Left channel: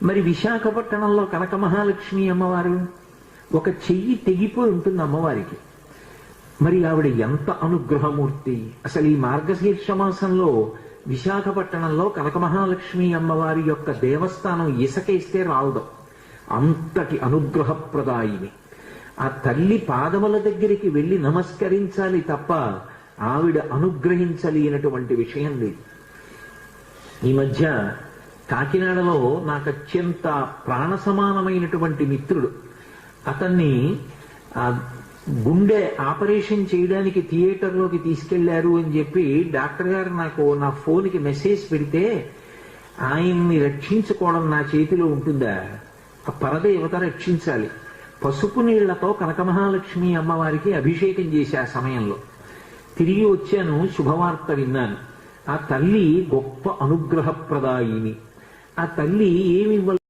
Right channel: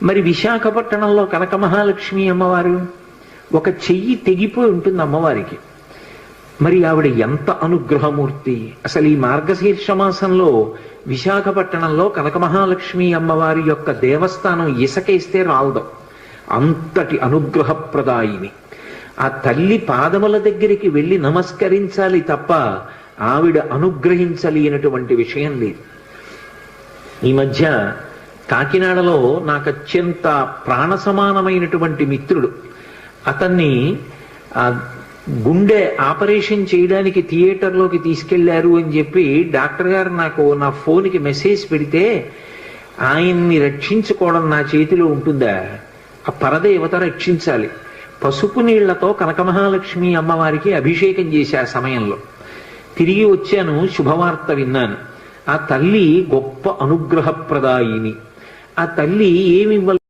మరి విశాఖపట్నంలో కనక మహాలక్ష్మి అమ్మవారు ఒక చెయ్యి తెగిపోయి ఉంటుంది అమ్మవారికి. మరి ఆవిడ ఎంత అనుగ్రహమూర్తి! అసలు ఈ మార్గశీర్ష మాసంలో విశాఖపట్నంలో కనక మహాలక్ష్మి అమ్మవారి యొక్క దేవస్థానం ఇసకేస్తే రాలదు, అంతటి అనుగ్రహప్రదాయిని. ఆ తల్లి పాదముల దగ్గరికి వెళ్ళి నమస్కరించాలి తప్ప ఆవిడ అనుగ్రహించలేనటువంటి విషయం లేదు. ఈ మధ్య కాకినాడలో నాకు అత్యంత ప్రాణ సమానమైనటువంటి మిత్రుడు, అతన్ని గుండె ఆపరేషన్ చేయడానికి థియేటర్లోకి తీసుకెళ్లారు అని చెప్పి డాక్టర్ గారు నాకు నా ఫోన్కి మెసేజ్ పెడితే, ఆయన్ని రక్షించుకోవడం నా చేతిలో ఉంటుందా? ఆ పరదేవత రక్షించాలి. పసుపు నీళ్లతో కనక మహాలక్ష్మి అమ్మవారికి అభిషేకం చేశా సమయంలో. తిరిగి వచ్చాను, శుభవార్త విన్నాను. ఆ తల్లి గొప్ప అనుగ్రహప్రదాయిని. ఆ తల్లి ఏమి